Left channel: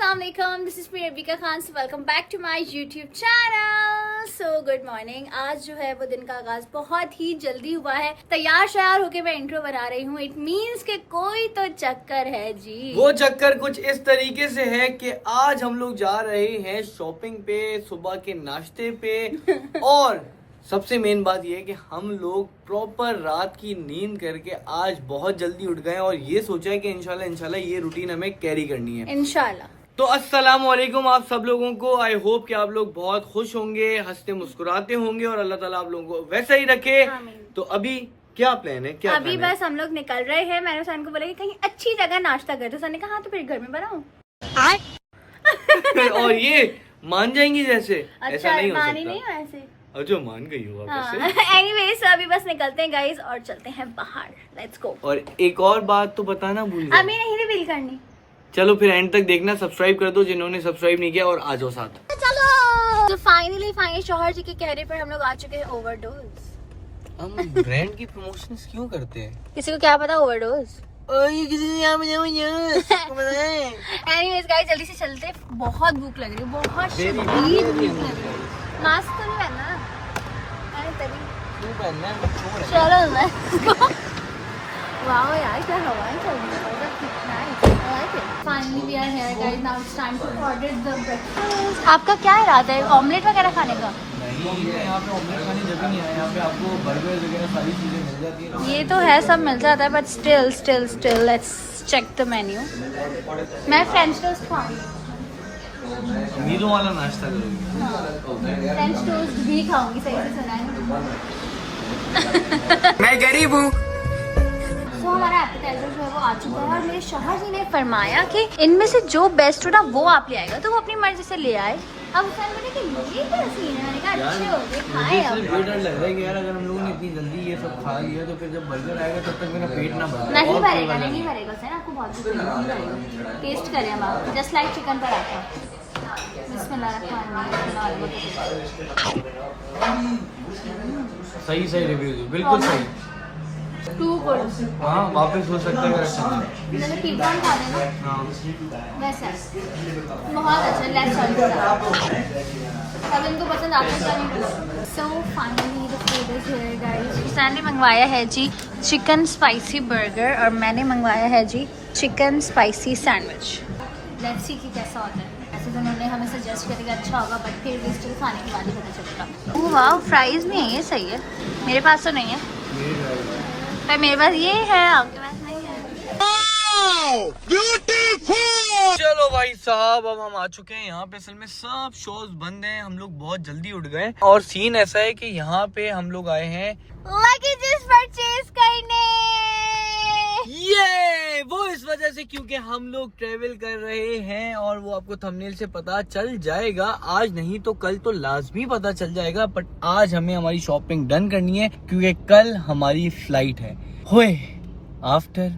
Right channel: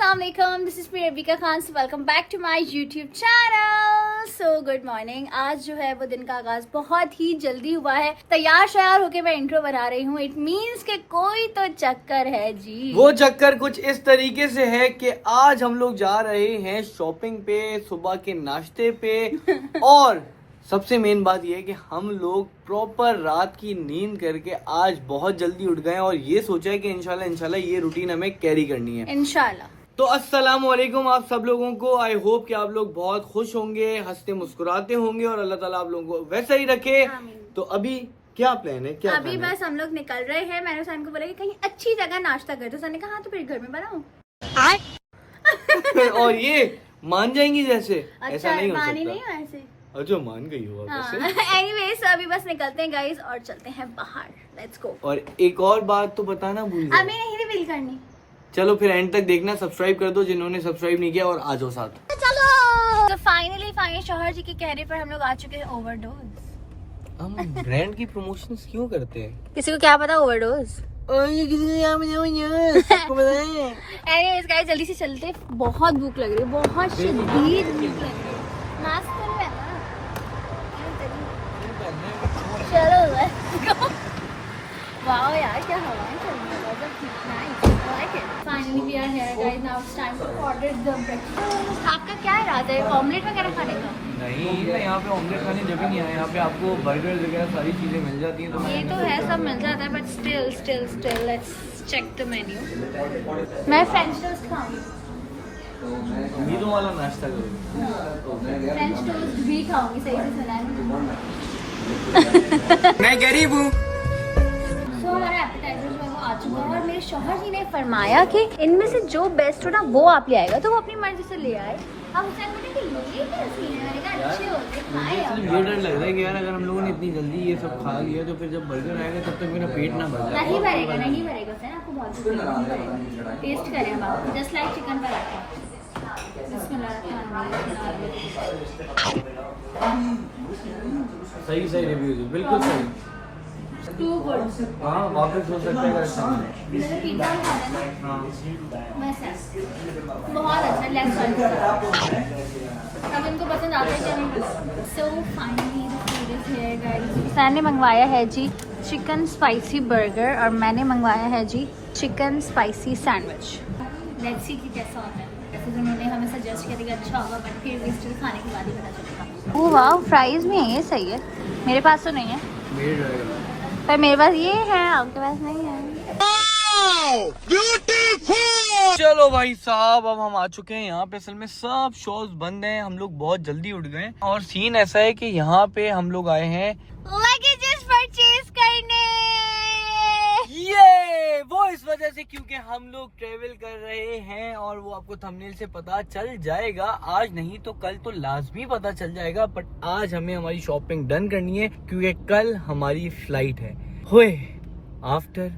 अस्सलाम वालेकुम, this is me Rabika Khan. Welcome back to my YouTube channel. So good morning. आज जो है वो दिन का आगाज बहुत ही जल्दी हुआ है। तैयार श्यार होके मैं इंट्रो बना रही हूँ। इट मीन्स के कोई तो चक्कर है जी। वो चक्कर कुछ इस तरीके से है कि आज हम लोग जा रहे हैं शॉपिंग पे, सुबह के नाश्ते पे और सबसे मेन बात ये है कि हम लोग प्रॉपर रात की नींद करके आज बहुत जल्दी उठ गए और ये सोचा है कि इंशाल्लाह ये रूटीन हमें कैरी करनी है इंशाल्लाह। तो अस्सलाम वालेकुम आप सब लोगों को। आई होप कि आप लोग बहुत खुश होंगे, हंसते मुस्कुराते होंगे और अल्लाह ताला आप लोगों को वैसा ही रखे। तो अभी क्या प्लान है? क्या अभी प्लान बस हम लोग निकल रहे हैं। मैंने सन को बोला कि कहीं अच्छी जगह नाश्ता कर। तो सन ने कहा हाँ तो फिर घर में बनाऊं। है? और ये मान जाएंगी जैसे अच्छा, ऐसा नहीं हो मानी सकता। नहीं हो ऐसे। अच्छा मान गई हो वापस से। एनीवेज अभी बस निकलते हैं गाइस और चलते हैं बाहर। Let's go. और एक और बात तो बताना भूल गए। अभी नहीं रिवील करनी। चलो फिर एंड तक देखना, सब्सक्राइब कर दो जिन्होंने सब्सक्राइब नहीं किया और आ जाओ साथ। चलो तो फाइनली शौहर जी के कहने पर हम लोग आ चुके हैं ओवरडोज। हम ब्रांड की प्रमोशंस क्यों करते हैं? किसी को क्या पता ओवरडोज। ये किसी ने सबको पता है। एनीवेज गाइस जल्दी से चलते। बहुत भूख लग रही है, बहुत शदीद भूख लग रही है। मास्क तो नहीं पहनना। अरे तभी चलो लेट्स गो। वाओ यार क्या हवाएं चल रही है। Nice, I like it. Finally we are here guys. Now it's time to order the breakfast. आपका क्या इरादा है? ऑमलेट वगैरह खाने का? नहीं, मैं यहाँ पे ऑमलेट खाने जब ही नहीं आया। यहाँ पे आपको बर्गर वगैरह सारी चीजें मिल जाती हैं। ये तो है, सब मिल जाता है but still let's check the menu. मैं फ्रेंच टोस्ट खाऊंगी। मीलों वाला नाश्ता करोगे? फ्रेंच टोस्ट भी खाऊंगी। सही से सुना है। मैं गरीब हूँ। तो हमारा एपेटाइजर जो है वो आ चुका है और मेरे शौहर जी ने फरमाया कि इनमें से जो बेस्ट हो ना वो आप ले आएगा। तो वो अपनी मर्जी से ले आए। अब हुसैन बोले कि ये क्या सीन है? मैंने कहा अच्छे हो गए खाए। सिर्फ ये डर लग रहा है कि यार अगर हम लोगों ने इतनी जल्दी ये सब खा लिया तो फिर जब बर्गर आएगा तब तक मेरा पेट ना भर जाए। नहीं भरेगा हुसैन, आपको बहुत भूख लगी, नहीं भरेगा। टेस्ट करें हम आपको जस्ट लाइक चिकन पराठा। सही रिव्यूज बिल्कुल सही। Too good. हाँ वापस हो सकता है अगर अच्छा नहीं। जैसे पिज़्ज़ा खा देना हाँ वैसा बहुत अच्छा। Let's try. अब इनको पसंद आता है क्या नहीं। So finally the food is here guys. Hussain ने मंगवाया है जी चिकन स्पाइसी बर्गर और मैंने मंगवाया है जी chicken spicy sandwich. Let's see कि कैसा होता है। ऐसे तो उन्होंने हमें सजेस्ट किया कि अच्छा होगा बट फिर भी स्टिल खाने के बाद ही पता चलेगा। ओह वाह, फ्राइज भी है, ये सही है। मेरे पास तो नहीं है मेरे ट्राई कर लो। पर मेरे पास ये है, आपके पास नहीं है। चलो भाई साहब अब हम आ चुके हैं यहाँ पे। असल में सब शॉप्स बंद हैं, हम लोग बहुत जल्दी उठ गए और सीन ऐसा है कि यहाँ पे हम लोग आए हैं लगेजेस परचेज करने। ये वो इस वजह से क्योंकि हम लोग ट्रेवल कर रहे हैं और वो आपको थंबनेल से पता चल जाएगा। आज नहीं तो कल तो लाजमी पता चल जाएगा, बट आज हमें हमारी शॉपिंग डन करनी है क्योंकि कल हमारी फ्लाइट है। होए आफ्टर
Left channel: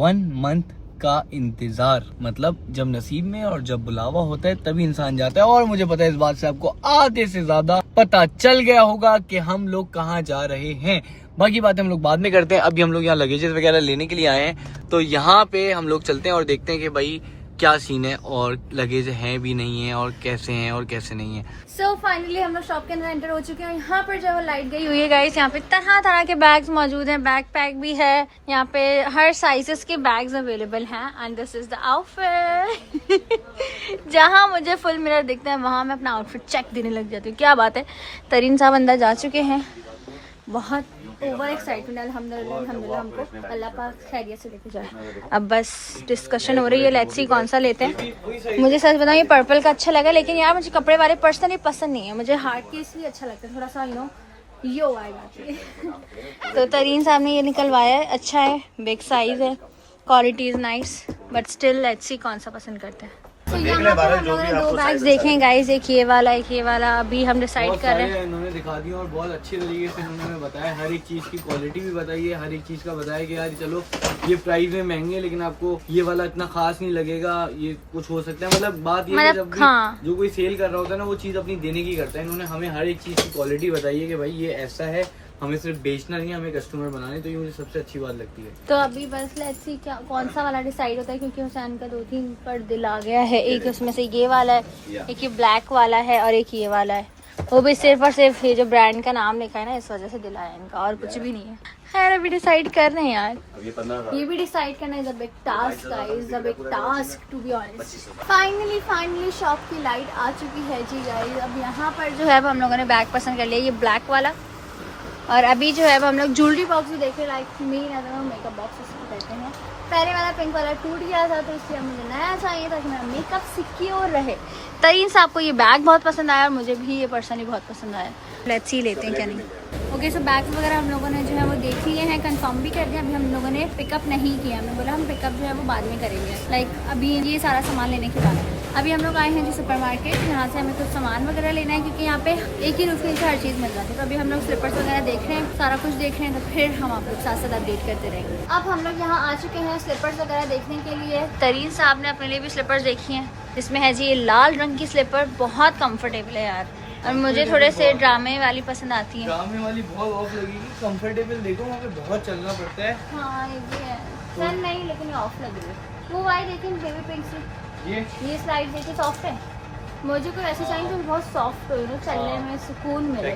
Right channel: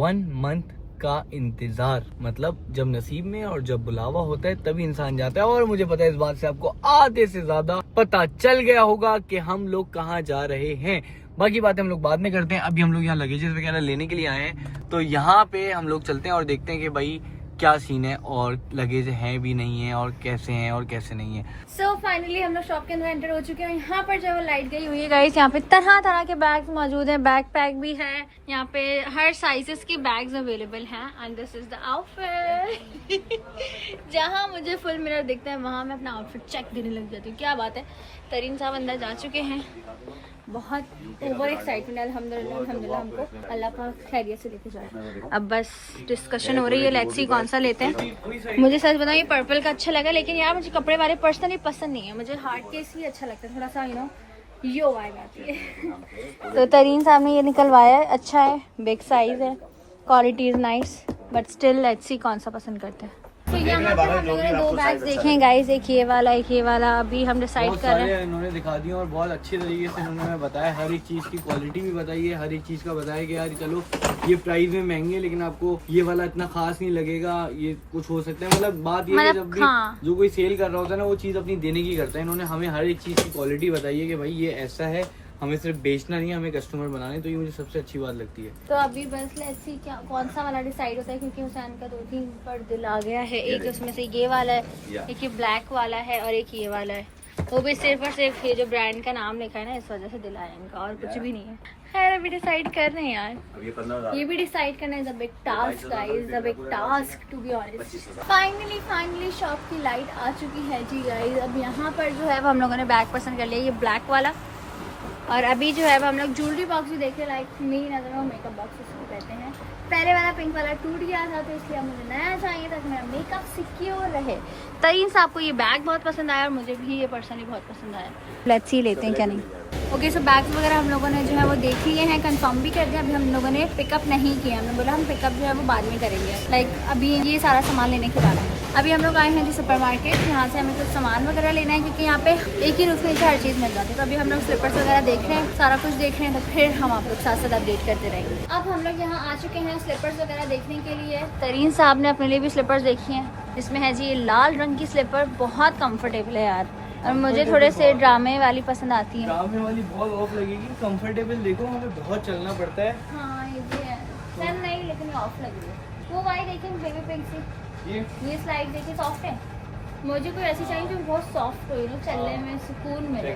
1 मंथ का इंतजार, मतलब जब नसीब में और जब बुलावा होता है तभी इंसान जाता है। और मुझे पता है इस बात से आपको आधे से ज्यादा पता चल गया होगा कि हम लोग कहाँ जा रहे हैं। बाकी बातें हम लोग बाद में करते हैं। अभी हम लोग यहाँ लगेजेस वगैरह लेने के लिए आए हैं तो यहाँ पे हम लोग चलते हैं और देखते हैं कि भाई क्या सीन है और लगेज हैं भी नहीं है और कैसे हैं और कैसे नहीं है। सो फाइनली हम लोग शॉप के अंदर एंटर हो चुके हैं। यहाँ पर जो लाइट गई हुई है गाइस, यहाँ पे तरह तरह के बैग्स मौजूद हैं। बैक पैक भी है यहाँ पे, हर साइजेस के बैग्स अवेलेबल हैं। And this is the outfit. जहाँ मुझे फुल मिरर दिखता है वहाँ मैं अपना आउटफिट चेक देने लग जाती हूँ। क्या बात है। तरीन साहब अंदर जा चुके हैं। बहुत ओवर एक्साइटमेंट। अल्हम्दुलिल्लाह हमको अल्लाह पाक खैरियत से लेके जाए। अब बस डिस्कशन हो रही है, लेट्स सी कौन सा लेते हैं। मुझे सच बताऊं ये पर्पल का अच्छा लगा, लेकिन यार मुझे कपड़े वाले पर्सनली पसंद नहीं है। मुझे हार्ड केस भी अच्छा लगता है, थोड़ा सा यो आएगा। तो तरीन साहब ने ये निकलवाया है, अच्छा है, बिग साइज है, quality is nice, but still let's see कौन सा पसंद करते हैं। तो यहाँ पर हम लोगों ने 2 बैग्स देखे हैं गाइस, एक ये वाला एक ये वाला। अभी हम डिसाइड कर रहे हैं। इन्होंने दिखा दिया और बहुत अच्छे तरीके से इन्होंने हमें बताया, हर एक चीज की क्वालिटी भी बताई है, हर एक चीज का बताया कि यार चलो ये प्राइस में महंगे है लेकिन आपको ये वाला इतना खास नहीं लगेगा, ये कुछ हो सकता है। मतलब बात ये है जब भी जो कोई सेल कर रहा होता है ना वो चीज अपनी देने की करता है। इन्होंने हमें हर एक चीज की क्वालिटी बताई है कि भाई ये ऐसा है हमें सिर्फ बेचना नहीं, हमें कस्टमर बनाने, तो ये मुझे सबसे अच्छी बात लगती है। तो अभी बस लेट्स सी क्या कौन सा वाला डिसाइड होता है, क्योंकि हुसैन का 2-3 पर दिल आ गया है। एक उसमें से ये वाला है, एक ये ब्लैक वाला है और एक ये वाला है। वो भी सिर्फ और सिर्फ ये जो ब्रांड का नाम लिखा है ना, इस वजह से दिल आया इनका, और कुछ भी नहीं है। खैर अभी डिसाइड कर रहे हैं यार, ये भी डिसाइड करना is a big task guys, a big task to be honest. Finally shop की लाइट आ चुकी है जी गाइस। अब यहाँ पर जो है वो हम लोगों ने बैग पसंद कर लिया, ये ब्लैक वाला। और अभी जो है वो हम लोग ज्वेलरी बॉक्स भी देख रहे हैं, लाइक मेन अगर वो मेकअप बॉक्स उसको कहते हैं। पहले वाला पिंक वाला टूट गया था, तो इसलिए मुझे नया चाहिए ताकि मेरा मेकअप सिक्योर रहे। तरीन साहब को ये बैग बहुत पसंद आया और मुझे भी ये पर्सनली बहुत पसंद आया। लेट्स सी लेते हैं क्या नहीं। ओके सो बैग्स वगैरह हम लोगों ने जो है वो देख लिए हैं, कंफर्म भी कर दिया। अभी हम लोगों ने पिकअप नहीं किया, हमने बोला हम पिकअप जो है वो बाद में करेंगे, लाइक अभी ये सारा सामान लेने के बाद। अभी हम लोग आए हैं जी सुपरमार्केट, यहाँ से हमें कुछ सामान वगैरह लेना है, क्योंकि यहाँ पे एक ही रूफ में हर चीज़ मिल जाती है। तो अभी हम लोग स्लीपर्स वगैरह देख रहे हैं, सारा कुछ देख रहे हैं, तो फिर हम आप लोग साथ साथ अपडेट करते रहेंगे। अब हम लोग यहाँ आ चुके हैं स्लीपर्स वगैरह देखने के लिए। तरीन साहब ने अपने लिए भी स्लीपर्स देखी हैं। इसमें है जी ये लाल रंग की स्लीपर, बहुत कम्फर्टेबल है यार, और मुझे थोड़े से ड्रामे वाली पसंद आती है। ड्रामे वाली बहुत ऑफ लगेगी, कंफर्टेबल देखो, हमें बहुत चलना पड़ता है। हाँ ये भी है सर, नहीं लेकिन ऑफ लग रही है। वो वाई देखिए बेबी पिंक से, ये स्लाइड देखिए सॉफ्ट है। मुझे कोई ऐसी चाहिए जो बहुत सॉफ्ट हो, यू नो, चलने में सुकून मिले।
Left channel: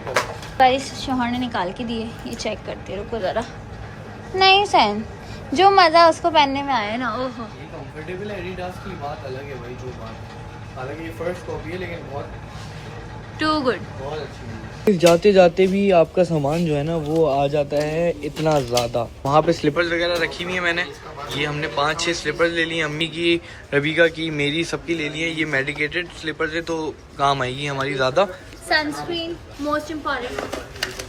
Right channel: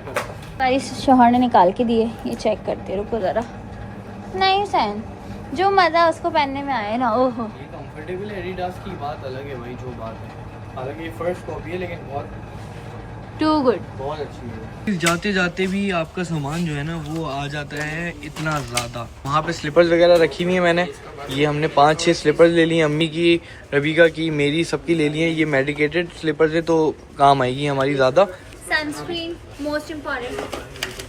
गाइस शोहर ने निकाल के दिए, ये चेक करते रुको जरा। नहीं सैन, जो मजा उसको पहनने में आए ना, ओहो ये कंफर्टेबल है। एडिडास की बात अलग है भाई, जो बात है। हालांकि ये फर्स्ट कॉपी है, लेकिन बहुत टू गुड, बहुत अच्छी है। जाते जाते भी आपका सामान जो है ना वो आ जाता है इतना ज़्यादा। वहाँ पे स्लीपर्स वगैरह रखी हुई है मैंने, ये हमने 5-6 स्लीपर्स ले ली, अम्मी की, रबीका की, मेरी, सबकी ले ली है। ये मेडिकेटेड स्लीपर्स है, तो काम आएगी हमारी ज़्यादा। Sunscreen most important,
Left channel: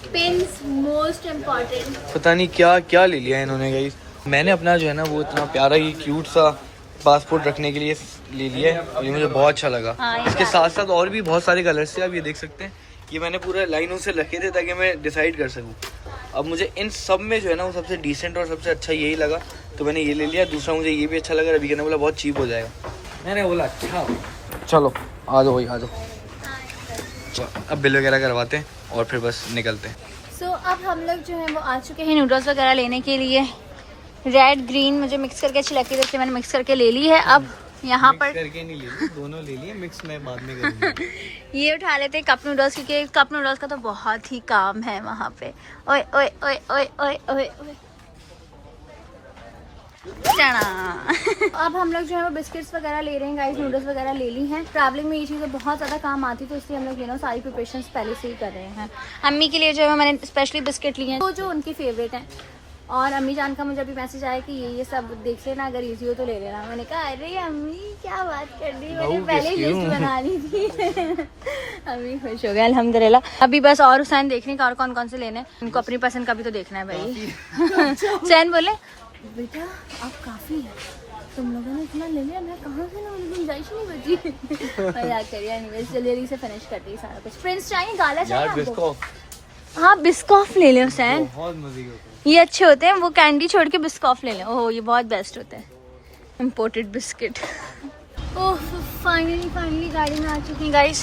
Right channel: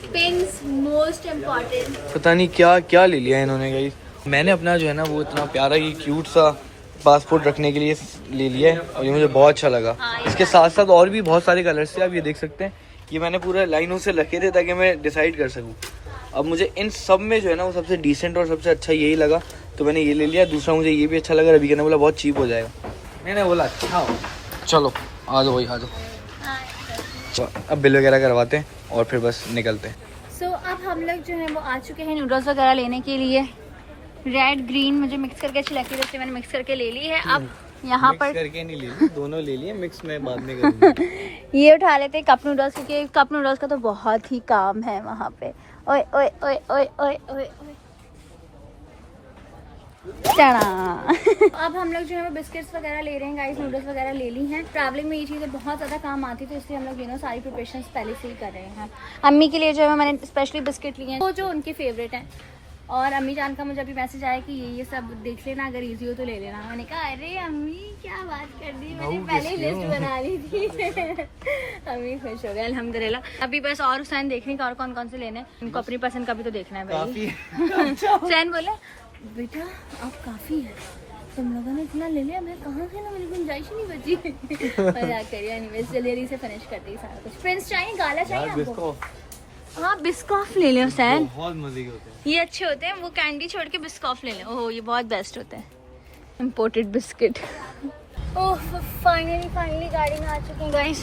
pins most important. पता नहीं क्या क्या ले लिया इन्होंने गाइस। मैंने अपना जो है ना वो इतना प्यारा ही क्यूट सा पासपोर्ट रखने के लिए ले लिया है, और ये मुझे बहुत अच्छा लगा। इसके साथ साथ और भी बहुत सारे कलर्स थे, आप ये देख सकते हैं। ये मैंने पूरा लाइनों से रखे थे ताकि मैं डिसाइड कर सकूं। अब मुझे इन सब में जो है ना वो सबसे डिसेंट और सबसे अच्छा यही लगा, तो मैंने ये ले लिया। दूसरा मुझे ये भी अच्छा लगा, रवि ने बोला बहुत चीप हो जाएगा, मैंने बोला अच्छा हो। चलो आ जाओ भाई, आ जाओ। अब बिल वगैरह करवाते हैं और फिर बस निकलते हैं। सो अब हम लोग जो है वो आ चुके हैं नूडल्स वगैरह लेने के लिए। रेड ग्रीन मुझे मिक्स करके अच्छी लगती है, जैसे मैंने मिक्स करके ले ली है। अब यहाँ पर करके नहीं ले, दोनों ले लिए, मिक्स में बाद में करूंगा। ये उठा लेते हैं कप नूडल्स, क्योंकि कप नूडल्स का तो बहुत ही काम है वहाँ पे। ओए ओए ओए ओए ओए ओए ओए अब हम लोग जो है वो बिस्किट्स वगैरह ले रहे हैं गाइस, नूडल्स वगैरह ले ली हैं। ट्रैवलिंग में ये चीज़ें बहुत ज़्यादा काम आती है, तो इसलिए हम लोग यू सारी प्रिपरेशंस पहले से ही कर रहे हैं। अम्मी के लिए जो है मैंने स्पेशली बिस्किट लिए हैं, वो जो उनके फेवरेट हैं। और अम्मी जान का मुझे अभी मैसेज आया कि ये सब देख लेना, अगर इजी हो तो ले लेना। मैंने कहा अरे अम्मी क्या बात कर दी, मैंने पहले ही लिस्ट बना ली थी। अम्मी खुश हो गया अल्हम्दुलिल्लाह। अभी बस और हुसैन देख रहे हैं और कौन कौन से लेने हैं, उनको अपनी पसंद का भी तो देखना है भाई। हुसैन बोले बेटा आप काफ़ी है, तुम लोगों ने इतना ले लिया, मैं कहाँ से ना, मेरी गुंजाइश ही नहीं बची। मजाक करिए, एनीवेज जल्दी से फिनिश कर दी सारा कुछ। प्रिंस चाहिए, गाला चाहिए आपको? हाँ बिस्कॉफ ले लें हुसैन, बहुत मजे के होते हैं ये अच्छे होते हैं। वो कैंडी छोड़ के बिस्कॉफ ले लें, ओह ये बहुत बेस्ट होते हैं, इम्पोर्टेड बिस्किट। ओह फाइनली गाड़ी में आ चुके हैं गाइस।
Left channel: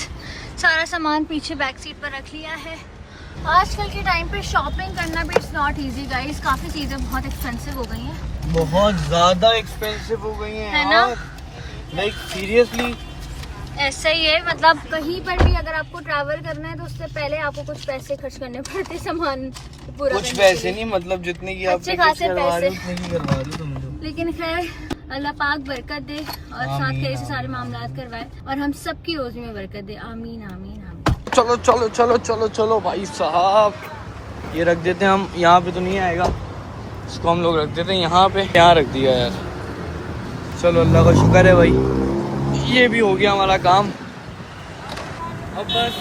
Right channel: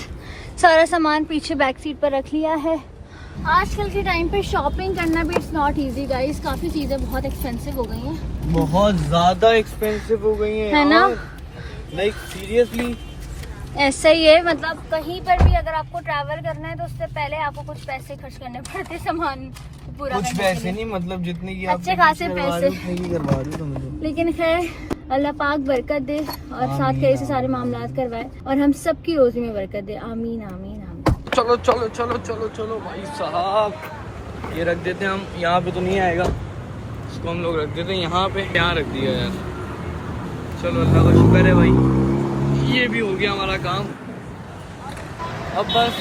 सारा सामान पीछे बैक सीट पर रख लिया है। आजकल के टाइम पे शॉपिंग करना भी इट्स नॉट इजी गाइस, काफ़ी चीज़ें बहुत एक्सपेंसिव हो गई हैं, बहुत ज़्यादा एक्सपेंसिव हो गई हैं, है ना? लाइक सीरियसली ऐसा ही है। मतलब कहीं पर भी अगर आपको ट्रैवल करना है तो उससे पहले आपको कुछ पैसे खर्च करने पड़ते सामान पूरा कुछ पैसे नहीं, मतलब जितने की अच्छे खासे पैसे, करवा दी तुमने। लेकिन खैर अल्लाह पाक बरकत दे और साथ के से सारे मामलात करवाए और हम सबकी रोजी में बरकत दे, आमीन आमीन आमीन। चलो चलो चलो चलो चलो भाई साहब, ये रख देते हैं हम, यहाँ पे तो नहीं आएगा, इसको हम लोग रख देते हैं यहाँ पे। यहाँ रख दिया यार, चलो अल्लाह का शुक्र है भाई, ये भी हो गया हमारा काम। अब बस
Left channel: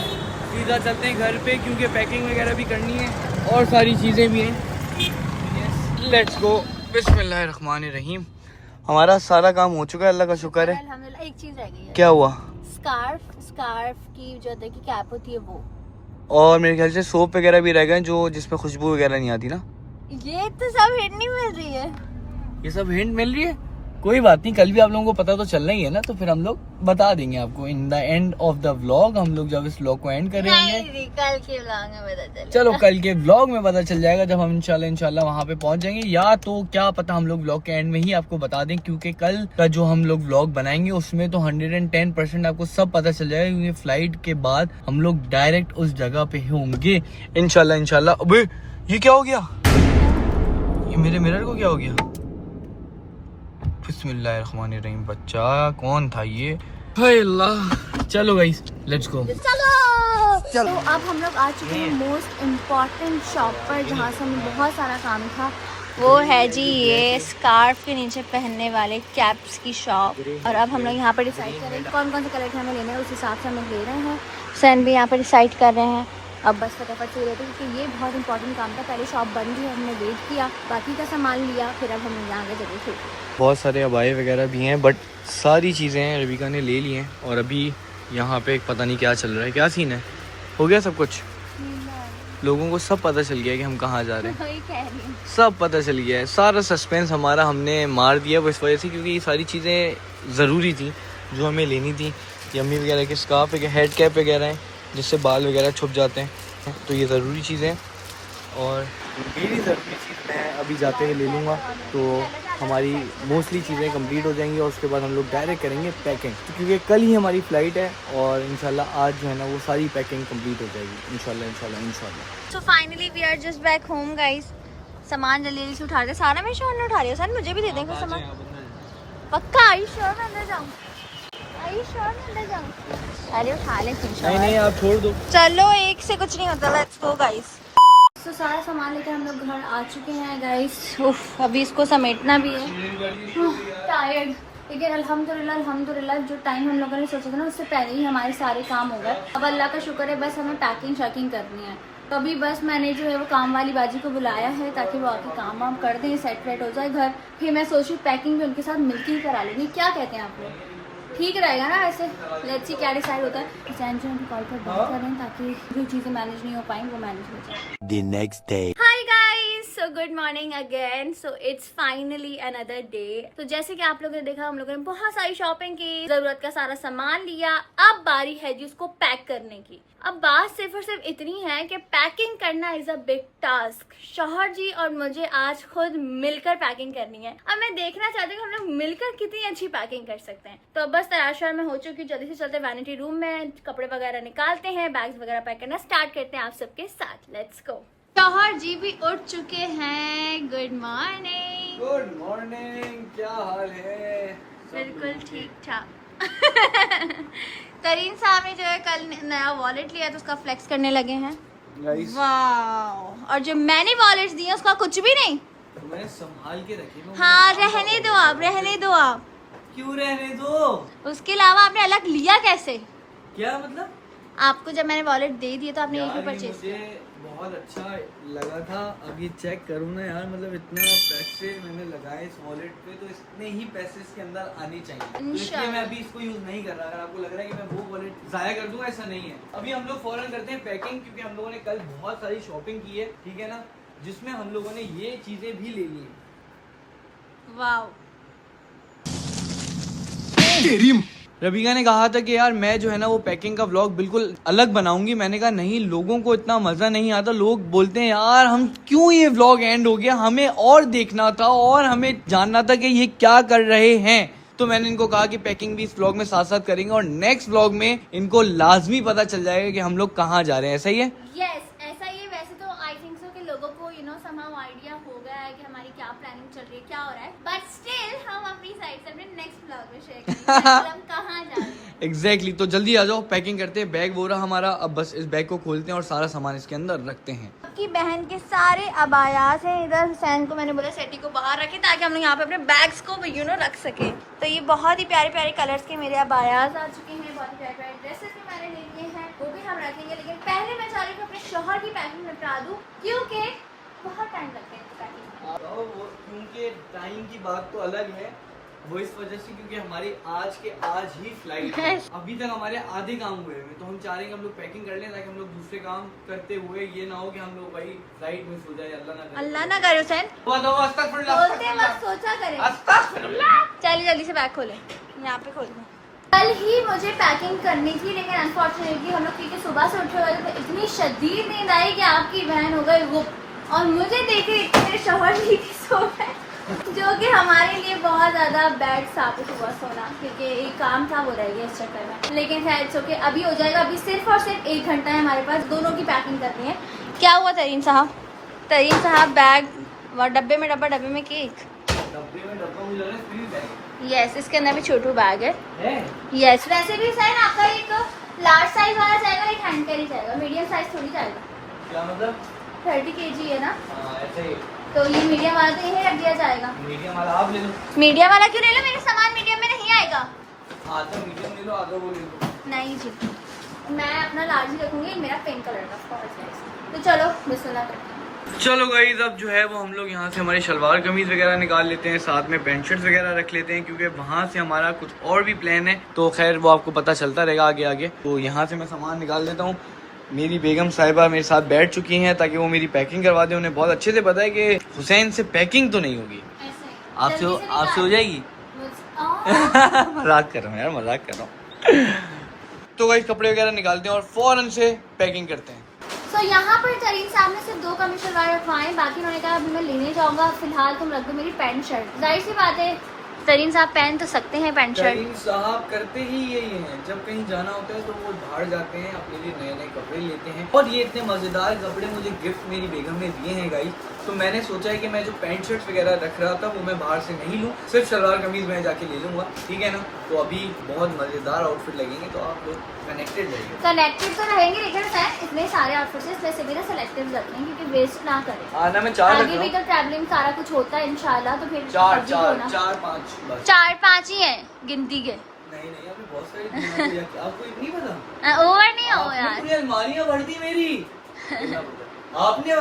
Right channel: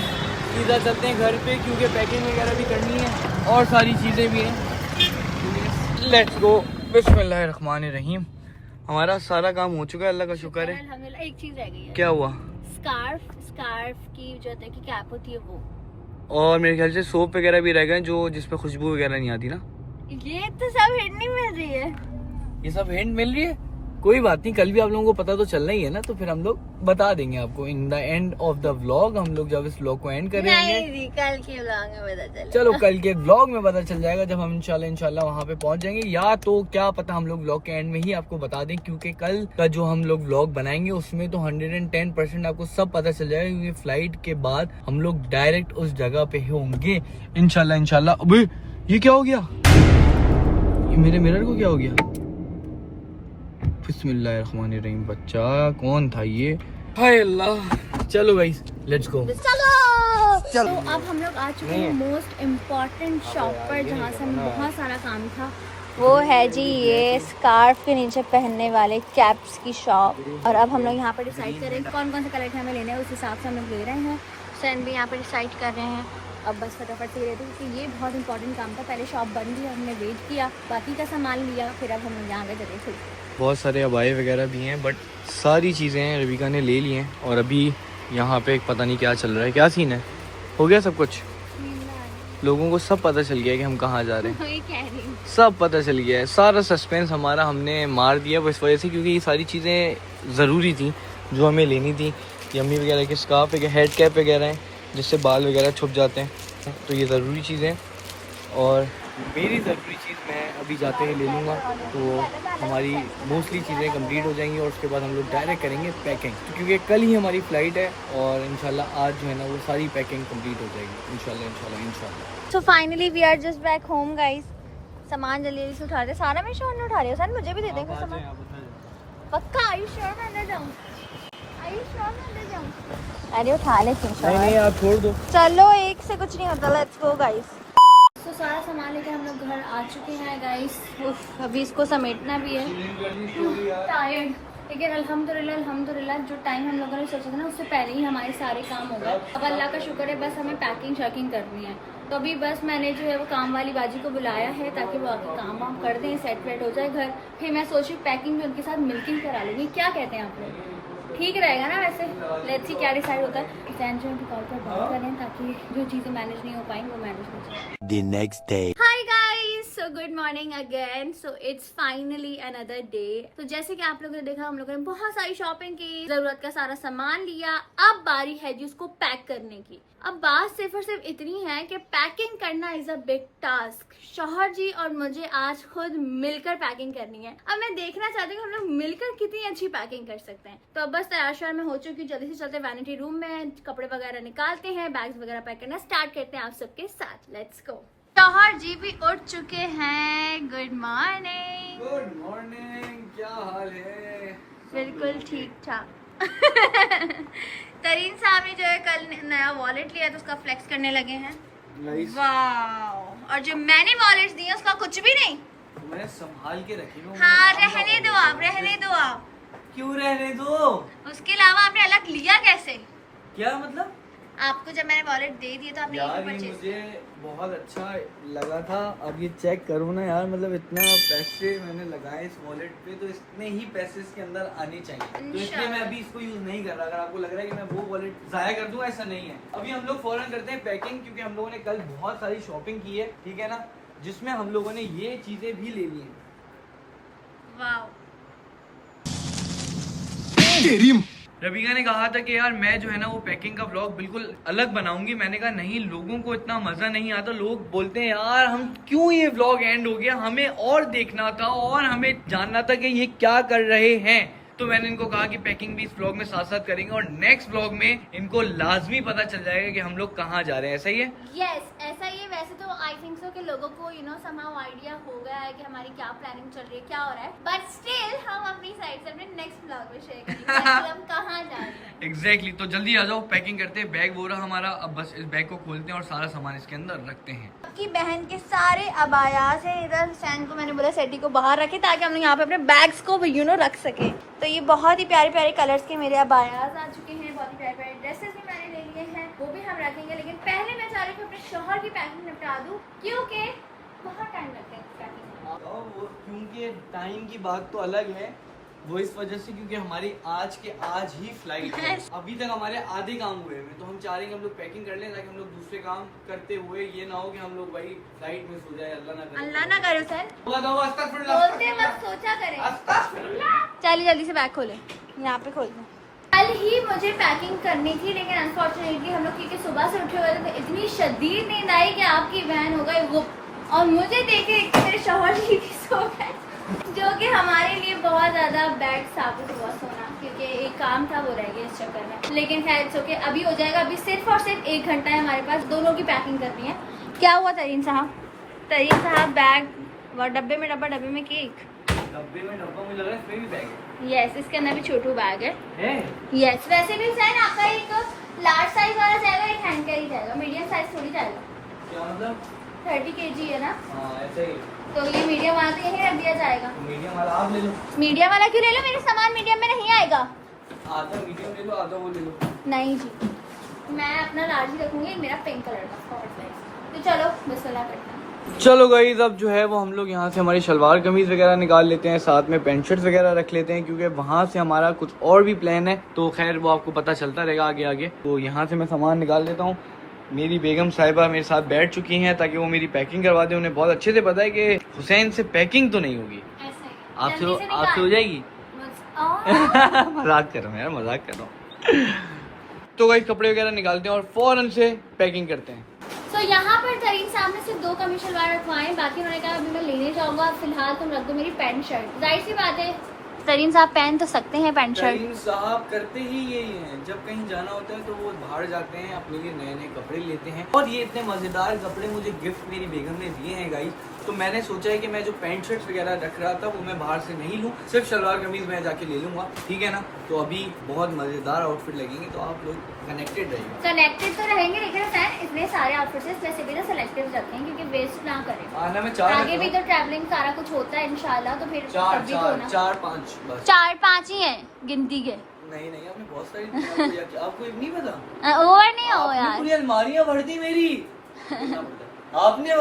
सीधा चलते हैं घर पे, क्योंकि पैकिंग वगैरह भी करनी है और सारी चीज़ें भी हैं। लेट्स गो, बिस्मिल्लाहिर्रहमानिर्रहीम। हमारा सारा काम हो चुका है, अल्लाह का शुक्र है। अल्हम्दुलिल्लाह। एक चीज रह गई है, क्या हुआ? स्कार्फ की जो होता है कि कैप होती है वो, और मेरे ख्याल से सोप वगैरह भी रह गए जो जिसमें खुशबू वगैरह नहीं आती ना। ये तो सब हिंट नहीं मिल रही है। ये सब हिंट मिल रही है, कोई बात नहीं, कल भी आप लोगों को पता तो चलना ही है ना, तो फिर हम लोग बता देंगे आपको in the end of the vlog. हम लोग जब इस व्लॉग को एंड करेंगे, नहीं, कल के व्लॉग में पता चलेगा। चलो कल के व्लॉग में पता चल जाएगा जब हम इंशाल्लाह वहाँ पे पहुंच जाएंगे, या तो क्या पता हम लोग व्लॉग के एंड में ही आपको बता दें, क्योंकि कल का जो हम लोग व्लॉग बनाएंगे उसमें तो 110% आपको सब पता चल जाएगा, क्योंकि फ्लाइट के बाद हम लोग डायरेक्ट उस जगह पे होंगे इंशाल्लाह। अबे ये क्या हो गया, ये मेरे मिरर को क्या हो गया? बिस्मिल्लाहिर्रहमानिर्रहीम, बच्चा कौन था ये? हाय अल्लाह। चलो गाइस लेट्स गो। तो अब हम लोग आ चुके हैं मोस्ट इम्पोर्टेंट शॉप पर, जहाँ से हमें बहुत सारा काम था। वो है जी ये स्कार्फ के नीचे पहनने वाले कैप्स की शॉप। और अब हम लोग यहाँ पर डिसाइड करें कौन कौन से कलर के हमें लेने हैं, उस हिसाब से हम लोग ले रहे हैं। सैन भी यहाँ पर डिसाइड कर रहे हैं। अब बस फटाफट से रहते हैं, क्योंकि ये बहुत इंपॉर्टेंट काम था। पहले शॉप बंद थी, हमने वेट किया, बाकी का सामान लिया, फिर अब हम लोग यहाँ गए जगह थे। बहुत सारे अबाए वगैरह भी हैं, बट सारी चीज़ें रविका ने ले ली हैं। और अभी यहाँ पे पता नहीं क्या चल रहा है, क्या सीन है, हो गया सब कुछ, लोगों को सब पता चल गया कि हम कहाँ जा रहे हैं, सब पता चल गया है। सारा सस्पेंस हमारा हमने मार दिया वो इस वजह से, क्योंकि ये सारी चीज़ें ज़रूरी थी जो हमें लेनी थी। यम्मी वगैरह के स्कार्फ, हेड कैप वगैरह हैं जिससे बाल वगैरह छुप जाते हैं, तो ये ज़रूरी चीज़ें। और मेरी ज़रूरी चीज़ मैं अभी जाते ही ले लूँगा, तो हमारी मोस्टली चीज़ें कंप्लीट हो जाएंगी और उसके बाद हम लोग डायरेक्ट करेंगे पैकिंग, क्योंकि कल ही हमारी फ़्लाइट है और इंशाल्लाह आज जो है ना वो सारी पैकिंग कंप्लीट हो जाएगी इंशाल्लाह। So finally we are just back home guys. सामान जल्दी जल्दी से उठा रहे, सारा मैं शोर ने उठा रही हूँ। सर मुझे भी दे देंगे सामान, पक्का? आई श्योर मैं अंदर जाऊँ? आई श्योर मैं अंदर जाऊँ? अरे उठा ले नहीं आप छोड़ दो, चलो एक से कुछ नहीं होता। Let's go guys. तो सारा सामान लेकर हम लोग घर आ चुके हैं गाइस। अभी इसको समेटना भी है, टायर्ड, लेकिन अल्हम्दुलिल्लाह जो टाइम हम लोगों ने सोचा था ना उससे पहले ही हमारे सारे काम हो गए। अब अल्लाह का शुक्र है, बस हमें पैकिंग शैकिंग करनी है। तो अभी बस मैंने जो है वो काम वाली बाजी को बुलाया है ताकि वो आके काम वाम कर दें, सेट वेट हो जाए घर। फिर मैं सोची पैकिंग भी उनके साथ मिलकर ही करा लूँगी। क्या कहते हैं आप लोग, ठीक रहेगा ना? वैसे लेट्स सी क्या डिसाइड होता है। सैन जो उनकी कॉल पर बात करें ताकि जो चीज़ें मैनेज नहीं हो पाएंगी वो मैनेज हो जाए। The next day. Hi guys, so good morning again. So it's finally another day. तो जैसे कि आप लोगों ने देखा, हम लोगों ने बहुत सारी शॉपिंग की, जरूरत का सारा सामान लिया। अब बारी है जी उसको पैक करने की। अब बात सिर्फ और सिर्फ इतनी है कि पैकिंग करना इज अ बिग टास्क। शौहर जी और मुझे आज खुद मिलकर पैकिंग करनी है। अब मैं देखना चाहती हूँ हम लोग मिलकर कितनी अच्छी पैकिंग कर सकते हैं। तो अब बस तैयार में हो चुकी, जल्दी से चलते वैनिटी रूम में, कपड़े वगैरह निकालते हैं, बैग्स वगैरह पैक करना स्टार्ट करते हैं आप सबके साथ। Let's go. शौहर जी भी उठ चुके हैं। Good morning. गुड मॉर्निंग, क्या हाल है? बिल्कुल ठीक ठाक। तरीन साहब ने जो है कल नया वॉलेट लिया तो उसका फ्लेक्स करने लगे हैं। वाह। और जो मैंने वॉलेट दिए उसका कुछ भी नहीं, तो मैंने संभाल के रखी ना। हाँ रहने दो आप, रहने दो आप। क्यों रहने दो? उसके अलावा आपने अलग लिया कैसे? क्या मतलब? आपको जब मैंने वॉलेट दे दिया तो आपने यार यही ये परचेज मुझे बहुत अच्छा लगा था। अब ये चेक करूँ ना यार, मतलब इतना पैसे मैंने लगाए इस वॉलेट पे, तो इतने ही पैसे इसके अंदर आने चाहिए। तो इसलिए मैं अभी इसको यूज नहीं कर रहा। अगर आपको लग रहा है कि मैं वो वॉलेट जाया कर दूंगा, ऐसा नहीं है। अभी हम लोग फौरन करते हैं पैकिंग, क्योंकि हम लोगों ने कल बहुत सारी शॉपिंग की है, ठीक है ना, जिसमें हम लोगों ने ये चीजें भी ले ली है। वाह। रबिका ने कहा था कि यार मैं जो है ना वो पैकिंग का व्लॉग बिल्कुल अलग बनाऊंगी। मैंने कहा नहीं, लोगों को इतना मजा नहीं आता। लोग बोलते हैं यार हम क्यों ये व्लॉग एंड हो गया, हमें और देखना था और हमें जानना था कि ये क्या कर रहे हैं। तो मैंने इनको कहा कि पैकिंग भी इस व्लॉग में साथ साथ करेंगे और नेक्स्ट व्लॉग में इनको लाजमी पता चल जाएगा कि हम लोग कहाँ जा रहे हैं। ऐसा ही है? यस ऐसा ही है। वैसे तो आई थिंक सो कि लोगों को समहाउ आइडिया हो गया है कि हमारी क्या प्लानिंग चल रही है, क्या हो रहा है, बट स्टिल हम अपनी साइड से अपने नेक्स्ट व्लॉग में शेयर करेंगे कि हम कहाँ जा रहे हैं। एग्जैक्टली। तो जल्दी आ जाओ, पैकिंग करते हैं। बैग वो रहा हमारा, अब बस इस बैग को खोलते हैं और सारा सामान इसके अंदर रखते हैं। आपकी बहन के सारे अबायास हैं इधर। हुसैन को मैंने बोला सेटी को बाहर रखे ताकि हम यहाँ पे अपने बैग्स को रख सके। तो ये बहुत ही प्यारे प्यारे कलर्स के मेरे अबायास आ चुके हैं। बहुत ही प्यारे प्यारे ड्रेसेस भी मैंने ले लिए हैं, वो भी हम रखेंगे। लेकिन पहले मैं चाह रही हूँ अपने शौहर की पैकिंग निपटा दूँ, क्योंकि बहुत टाइम लगता है पैकिंग। क्योंकि टाइम की बात तो अलग है, वो इस वजह से क्योंकि हमारी आज के आज ही फ्लाइट है। अभी तक हमारे आधे काम हुए हैं, तो हम चाह रहे हैं हम लोग पैकिंग कर लें ताकि हम लोग दूसरे काम करते हुए ये ना हो कि हम लोग भाई फ्लाइट मिस हो जाए। अल्लाह ना करे। अल्लाह ना करे हुसैन, बोलते मत सोचा करें। पहले जल्दी से बैग खोले, यहाँ पे खोल दो। कल ही मुझे पैकिंग करनी थी, लेकिन अनफॉर्चुनेटली हम लोग क्योंकि सुबह से उठे हुए थे तो इतनी शदीद नींद आई कि आपकी बहन हो गई वो, और मुझे देखे मेरे शौहर जी भी सो गए, जो कि हमारे लिए बहुत ज़्यादा बैड साबित हुआ सोना, क्योंकि एक काम था वो रह गया इस चक्कर में। लेकिन खैर इट्स ओके, अभी हो जाएगा। अभी सिर्फ और सिर्फ 1 घंटा है हमारे पास, दोनों की पैकिंग करनी है। क्या हुआ तरीन साहब? तरीन साहब बैग और डब्बे में डब्बा, डब्बे में केक, डब्बे में डब्बा मुझे लग रहा है फ्री बैग है। यस, इसके अंदर भी छोटू बैग है। यस, वैसे भी सर आपका एक लार्ज साइज वाला जाएगा, एक हैंड कैरी जाएगा, मीडियम साइज थोड़ी जाएगा। क्या मतलब? 30 kg है ना, ऐसे तो ये मीडियम वाला तो यहीं रख दिया जाएगा। मीडियम वाला आप ले लो। मीडियम वाला क्यों ले लो? मेरा सामान मीडियम में नहीं आएगा। आधा मीडियम ले लो, आधा वो ले लो। नहीं जी, मैं अपना लार्ज ही रखूंगी, मेरा पिंक कलर का स्कॉर्च गाइस। तो चलो बिस्मिल्लाह करते हैं। चलो गाइस, अब जो है वो हम लोग यहाँ से हमारी शलवार कमीज वगैरह निकाल लेते हैं, साथ में पैंट शर्ट वगैरह रख लेते हैं, क्योंकि वहाँ से हमारा कुछ और भी प्लान है। तो खैर वो आपको पता चलता रहेगा आगे आगे। तो यहाँ से मैं सामान निकाल लेता हूँ। मेरी बेगम साहिबा मेरे साथ बैठ चुकी हैं ताकि वो मेरी पैकिंग करवा दें। उन्हें बहुत अच्छे से पता है कि हुसैन से पैकिंग तो नहीं होगी, आपसे हो जाएगी। मजाक कर रहा हूँ यार, मजाक कर रहा हूँ। तो गाइस कपड़े वगैरह निकालते हैं और फौरन से पैकिंग करते हैं। तो यहाँ पर तरीन साहब ने सिर्फ 2 कमीज शलवार रखवाएं, बाकी उन्होंने कहा अभी मैं लेने जाऊंगा, फिलहाल तुम रख दो मेरी पैंट शर्ट। जाहिर सी बात है तरीन साहब पहन तो सकते हैं पैंट शर्ट। तरीन साहब करते ही यही हैं, जब कहीं जाना होता है तो वो बाहर जाते हैं, अपने लिए नए नए कपड़े लेते हैं। और ये इतने मजेदार कपड़े मुझे गिफ्ट मेरी बेगम ने दिए हैं गाइस। तो मैंने सोचा है कि मैं जो पैंट शर्ट वगैरह रख रहा था वो मैं बाहर से नहीं लूँ, सिर्फ शलवार कमीज मैं जाके ले लूंगा, ठीक है ना। तो अभी बहुत मजेदार आउटफिट लगेंगे, तो आप लोग कनेक्टेड रहेंगे। कनेक्टेड तो रहेंगे, लेकिन सर इतने सारे आउटफिट्स हैं, इसमें से भी ना सेलेक्टिव रखें, क्योंकि वेस्ट ना करें। आना मैं 4 आगे भी तो ट्रैवलिंग सारा कुछ होता है इंशाल्लाह, तो फिर 4-5 बस। 4-5 ही है गिनती के। नहीं आपने बहुत सारी आपको नहीं पता? ओवर नहीं हो यार, पूरी अलमारियां भर दी मेरी। आपने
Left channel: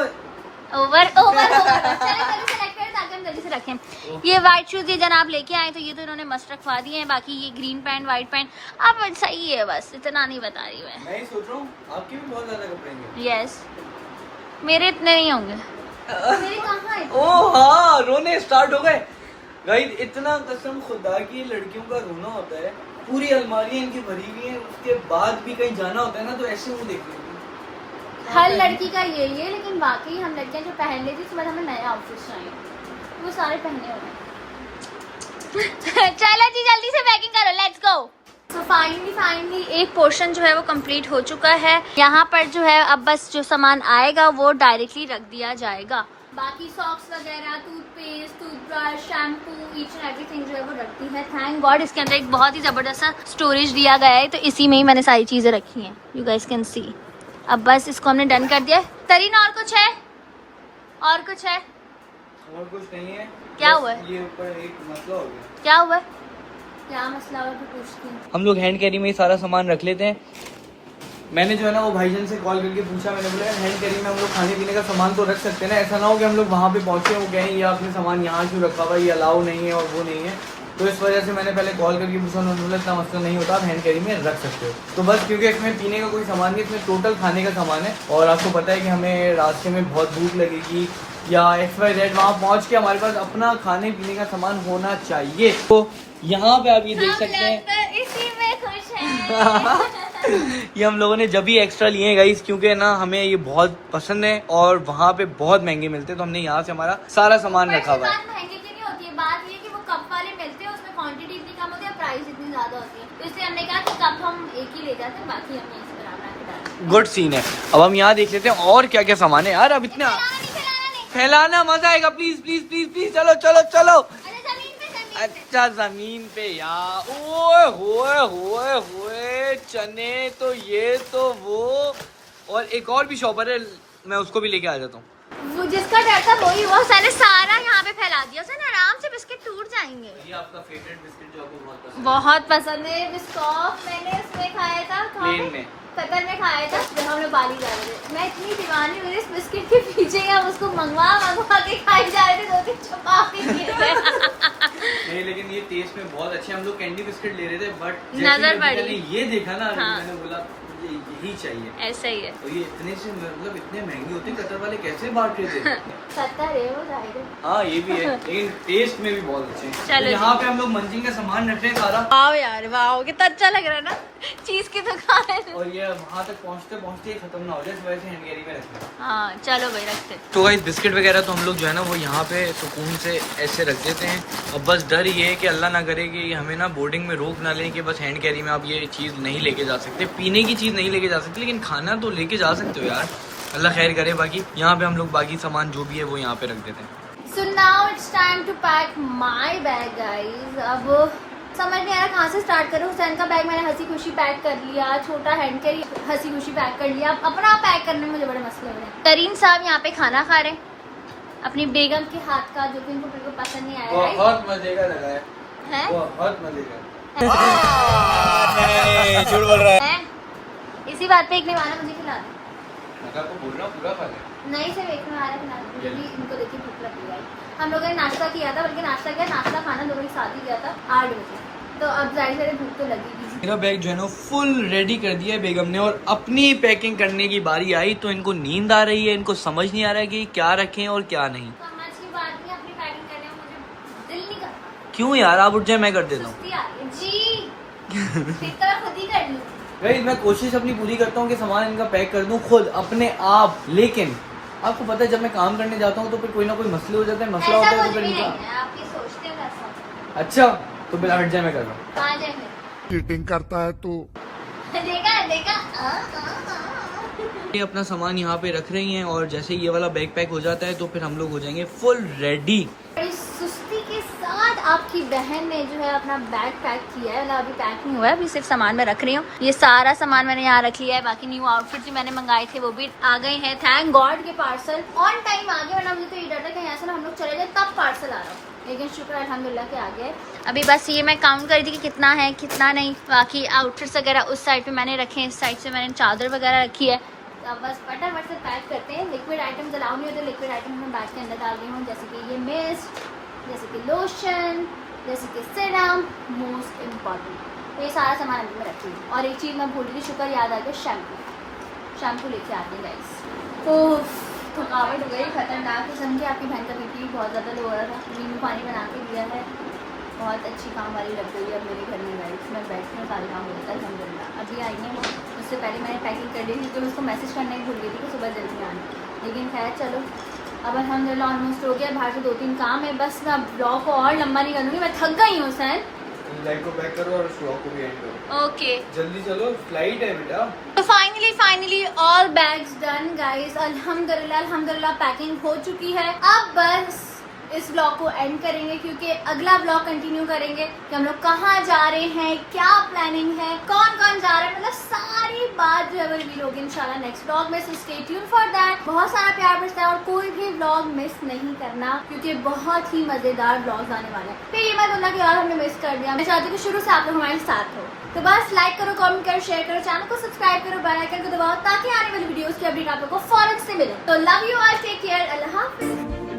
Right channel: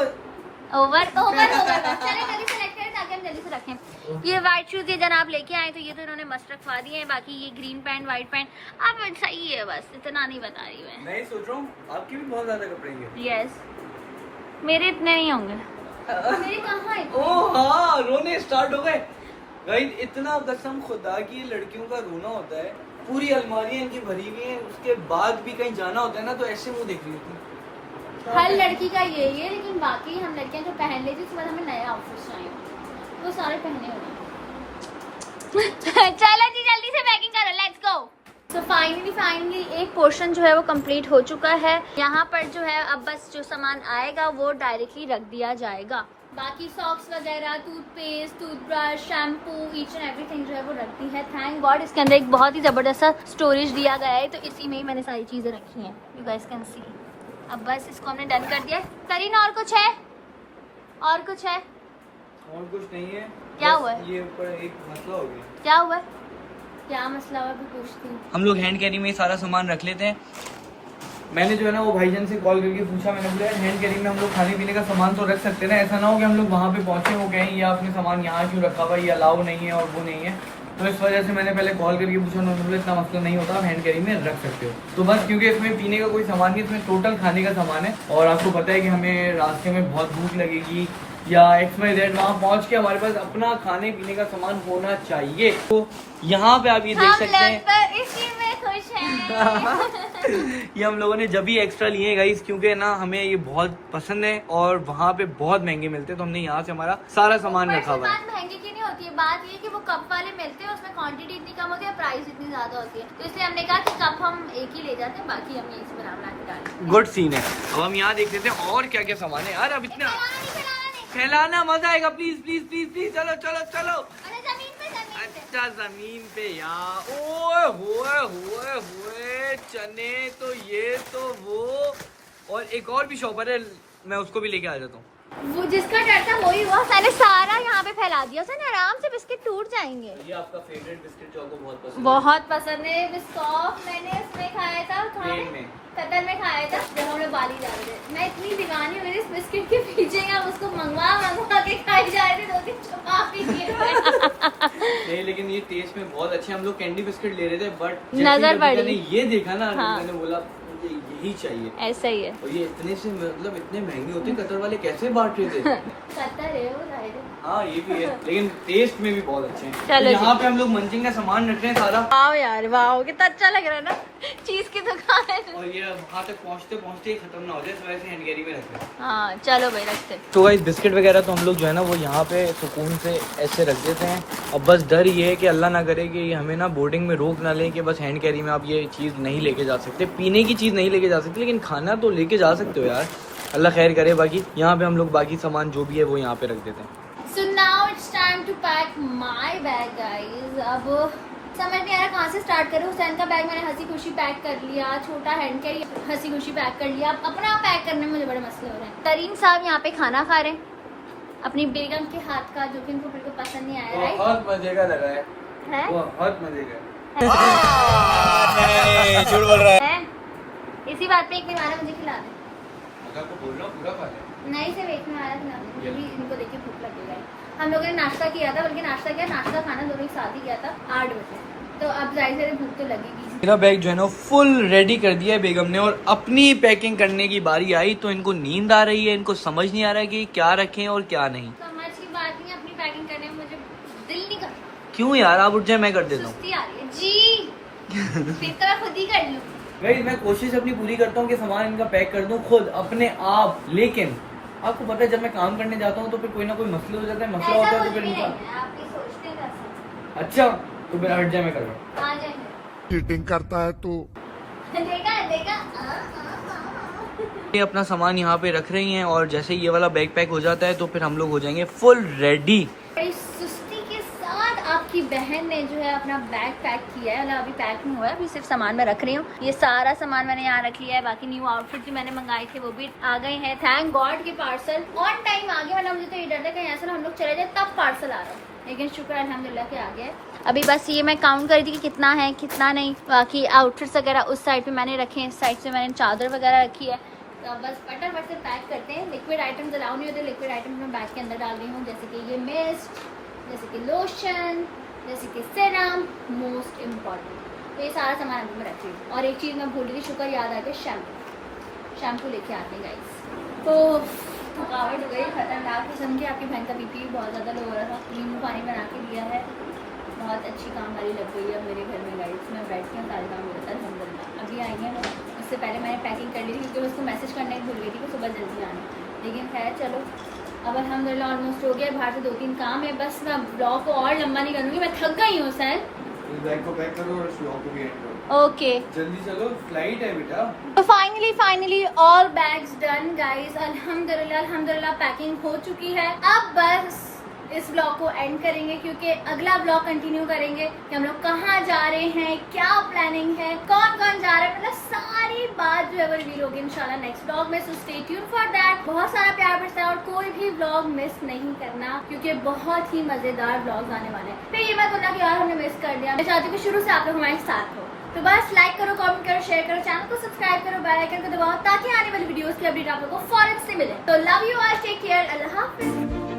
ओवर होगा। चले जल्दी सेलेक्ट करें ताकि हम जल्दी से रखें। ये व्हाइट शूज ये जनाब लेके आए, तो ये तो इन्होंने मस्त रखवा दिए हैं। बाकी ये ग्रीन पैंट, व्हाइट पैंट अब सही है, बस इतना नहीं बता रही मैं ही सोच रहा हूँ आपके भी बहुत ज्यादा कपड़े हैं। यस, मेरे इतने नहीं होंगे। मेरे कहाँ है? ओह हाँ, रोने स्टार्ट हो गए गाइस। इतना कसम खुदा की ये लड़कियों का रोना होता है। पूरी अलमारियां इनकी भरी हुई हैं, उसके बाद भी कहीं जाना होता है ना तो ऐसे मुंह देख रही होती है। हर लड़की का यही है, लेकिन बाकी हम लड़कियां जो पहन लेती उसके बाद हमें नए आउटफिट्स चाहिए, वो सारे पहने हुए हैं। चलो जी जल्दी से पैकिंग करो, लेट्स गो। तो फाइनली एक पोर्शन जो है वो कंप्लीट हो चुका है। यहाँ पर जो है अब बस जो सामान आएगा वो डायरेक्टली रख दिया जाएगा। बाकी सॉक्स वगैरह, toothpaste, toothbrush, shampoo, each and everything जो है वो रखती है। थैंक गॉड इसके अंदर एक बहुत ही ज़बरदस्त सा स्टोरेज दिया गया है, तो इसी में ही मैंने सारी चीज़ें रखी हैं। You guys can see. अब बस इसको हमने डन कर दिया। तरीन और कुछ है? और कुछ है? और कुछ नहीं है। क्या हुआ है? ये ऊपर एक मसला हो गया। क्या हुआ है? क्या मसला हुआ? पूछती हूँ। हम लोग हैंड कैरी में ही सारा सामान रख लेते हैं। मैंने जो है ना वो भाईजान से कॉल करके पूछा, मैंने बोला हैंड कैरी में हम लोग खाने पीने का सामान तो रख सकते हैं ना, ऐसा ना हो कि हम लोग वहाँ पे पहुँचे वो कहें ये आपने सामान यहाँ क्यों रखा हुआ, ये अलाउ नहीं है और वो नहीं है। तो इस वजह से मैंने पहले कॉल करके पूछा, उन्होंने बोला इतना मसला नहीं होता, आप हैंड कैरी में रख सकते हो। तो बस क्योंकि इसमें पीने का कोई सामान नहीं, इसमें टोटल खाने का सामान है। और आपको पता है कि हमें रास्ते में बहुत भूख लगेगी या XYZ, वहाँ पहुँच के हमारे पास अपना खाने पीने का सामान होना चाहिए। तो यहाँ पे आप ये देख सकते हैं, इसी में खुश हैं। ये हम लोगों ने जब भी एक्स्ट्रा लिए हैं गाइस, क्योंकि ना हमें ये बहुत पसंद है और वहाँ पे बहुत महंगे मिलते हैं, तो हमने यहाँ से हमारा सारा सामान रखा हुआ है। महंगे की नहीं होती है, बात ये कि वो कप वाले मिलते हैं, उसमें क्वांटिटी इतनी कम होती है, प्राइस इतनी ज्यादा होती है, तो इसलिए हमने कहा कि कप हम एक ही ले जाते हैं, बाकी हमने इस पर बना के डाला। गुड सीन है। अब हम यहाँ देख लेते हैं और क्या क्या सामान है यार। अब इतना फैलाना मजा आएगा। प्लीज प्लीज प्लीज प्लीज चलो चलो चलो। अच्छा जमीन पे यार, ओए होए चने, तो ये तो वो, और एक और भी शॉपर है, मैं उसको भी लेके आ जाता हूँ। वो जिसका डर था वही वो सारे सारा यहाँ पे फैला दिया, सर आराम से बिस्किट टूट जाएंगे। ये आपका फेवरेट बिस्किट जो आपको बहुत पसंद है बिस्कॉफ, मैंने उसमें खाया था, कतर में खाया था जब हम लोग बाली जा रहे थे। मैं इतनी दीवानी हुई इस बिस्किट के पीछे, हम उसको मंगवा के खाई जा रहे थे, 2-3 छुपा भी नहीं, लेकिन ये टेस्ट में बहुत अच्छे। हम लोग कैंडी बिस्किट ले रहे थे, बट नजर पड़ी, मैंने ये देखा ना, हाँ। मैंने बोला यही चाहिए। ऐसा ही है। और ये इतने से मतलब इतने महंगे होते हैं, कतर वाले कैसे बांट रहे थे? कतर है वो जाएगा। हाँ ये भी है, लेकिन टेस्ट में भी बहुत अच्छे हैं। चलो तो यहाँ पे हम लोग मंचिंग का सामान रख रहे हैं सारा। वाओ यार वाओ, कितना अच्छा लग रहा है ना, चीज की दुकान है। और ये वहाँ तक पहुँचते पहुँचते खत्म ना हो जाए, तो वैसे हैंड कैरी में रख रहे हैं। हाँ चलो भाई रखते। तो गाइस बिस्किट वगैरह तो हम लोग जो है ना वो यहाँ पे सुकून से ऐसे रख देते हैं। अब बस डर ये है कि अल्लाह ना करे कि हमें ना बोर्डिंग में रोक ना लें कि बस हैंड कैरी में आप ये चीज़ नहीं लेके जा सकते, पीने की चीज़ नहीं लेके जा सकते, लेकिन खाना तो लेके जा सकते हो यार। अल्लाह खैर करे। बाकी यहाँ पे हम लोग बाकी सामान जो भी है वो यहाँ पे रख देते हैं। So now it's time to pack my bag guys। अब समझ नहीं आ रहा कहाँ से स्टार्ट करूँ। हुसैन का बैग मैंने हंसी खुशी पैक कर लिया, छोटा हैंड कैरी हंसी खुशी पैक कर लिया। अब अपना पैक करने में मुझे बड़े मसले हो रहे हैं। तरीन साहब यहाँ पे खाना खा रहे हैं अपनी बेगम के हाथ का, जो कि इनको बिल्कुल पसंद नहीं आया। राइट, बहुत मजे का लगा है, बहुत मजे का। झूठ बोल रहा है। इसी बात पे एक निवाना मुझे खिला दे। पूरा खा ले। नहीं सिर्फ एक निवाना खिला दे, मुझे भी इनको देख के भूख लग गई। हम लोगों ने नाश्ता किया था, बल्कि नाश्ता किया, नाश्ता खाना दोनों के साथ ही किया था 8 बजे। तो अब जाहिर है भूख तो लगेगी। मेरा बैग जो है ना फुल रेडी कर दिया है बेगम ने, और अपनी पैकिंग करने की बारी आई तो इनको नींद आ रही है, इनको समझ नहीं आ रहा है कि क्या रखें और क्या नहीं। समझ की बात नहीं, अपनी पैकिंग करने में मुझे दिल नहीं करता। क्यों यार, आप उठ जाए, मैं कर देता हूँ। सुस्ती आ रही है जी। फिर तो मैं खुद ही कर लूँ। भाई मैं कोशिश अपनी पूरी करता हूँ कि सामान इनका पैक कर दूँ खुद अपने आप, लेकिन आपको पता है जब मैं काम करने जाता हूँ तो फिर कोई ना कोई मसले हो जाता है, मसला होता है तो फिर इनका। आपकी सोचते हैं। अच्छा तो फिर हट जाए, मैं कर रहा हूँ। कहाँ जाए फिर? चीटिंग करता है तो देखा देखा। ये अपना सामान यहाँ पे रख रही हैं, और जैसे ये वाला बैग पैक हो जाता है तो फिर हम लोग हो जाएंगे फुल रेडी। बड़ी सुस्ती के साथ आपकी बहन ने जो है अपना बैग पैक किया है। मतलब अभी पैक नहीं हुआ है, अभी सिर्फ सामान मैं रख रही हूँ। ये सारा सामान मैंने यहाँ रख लिया है। बाकी न्यू आउटफिट जो मैंने मंगाए थे वो भी आ गए हैं। थैंक गॉड के पार्सल ऑन टाइम आ गया, वरना मुझे तो ये डर था कि यहाँ से ना हम लोग चले जाए तब पार्सल आ रहा हो, लेकिन शुक्र अल्हम्दुलिल्लाह के आ गया है। अभी बस ये मैं काउंट कर रही थी कि कितना है कितना नहीं। बाकी आउटफिट्स वगैरह उस साइड पे मैंने रखे हैं, इस साइड से मैंने चादर वगैरह रखी है। तो अब बस फटाफट से पैक करते हैं। लिक्विड आइटम्स अलाउ नहीं होते, लिक्विड आइटम मैं बैग के अंदर डाल रही हूँ, जैसे कि ये मिस्ट, जैसे कि लोशन, जैसे कि सीरम, मोस्ट इम्पॉर्टेंट। तो ये सारा सामान अंदर में रख रही हूँ। और एक चीज़ मैं भूल रही थी, शुक्र याद आ गया, शैम्पू लेके आते हैं गाइस। तो थकावट हो गई खतरनाक किस्म की। आपकी बहन का बीपी बहुत ज़्यादा लो हो रहा था, नींबू पानी बना के दिया है। बहुत अच्छी काम वाली लग गई है अब मेरे घर में गाइस। मैं बैठती हूँ, सारे काम हो जाता है अल्हम्दुलिल्लाह। अभी आई हैं वो, उससे पहले मैंने पैकिंग कर ली थी क्योंकि उसको मैसेज करना ही भूल गई थी कि सुबह जल्दी आनी। लेकिन खैर चलो, अब अल्हम्दुलिल्लाह ऑलमोस्ट हो गया। बाहर से 2-3 काम है, बस मैं ब्लॉग को और लंबा नहीं करूँगी, मैं थक गई हूँ सर। बैग को पैक करो और ब्लॉग को भी एंड करो। ओके जल्दी चलो, फ्लाइट है बेटा। तो finally all bags done guys. अल्हम्दुलिल्लाह पैकिंग हो चुकी है। अब बस इस ब्लॉग को एंड करेंगे क्योंकि अगला ब्लॉग कंटिन्यू करेंगे कि हम लोग कहाँ जा रहे हैं, क्या प्लानिंग है, कौन कौन जा रहा है, मतलब सारी बात जो है वो रिवील होगी इंशाल्लाह नेक्स्ट ब्लॉग में। So stay tune for that. बहुत सारा प्यार बरसता है और कोई भी ब्लॉग मिस नहीं करना क्योंकि बहुत ही मजेदार ब्लॉग्स आने वाले हैं। फिर ये मत बोलना कि यार हमने मिस कर दिया। मैं चाहती हूँ शुरू से आप लोग हमारे साथ हो। तो बस लाइक करो, कमेंट करो, शेयर करो, चैनल को सब्सक्राइब करो, बेल आइकन को दबाओ ताकि आने वाली वीडियोस की अपडेट आप लोगों को फौरन से मिले। तो love you all, take care, अल्लाह हाफिज।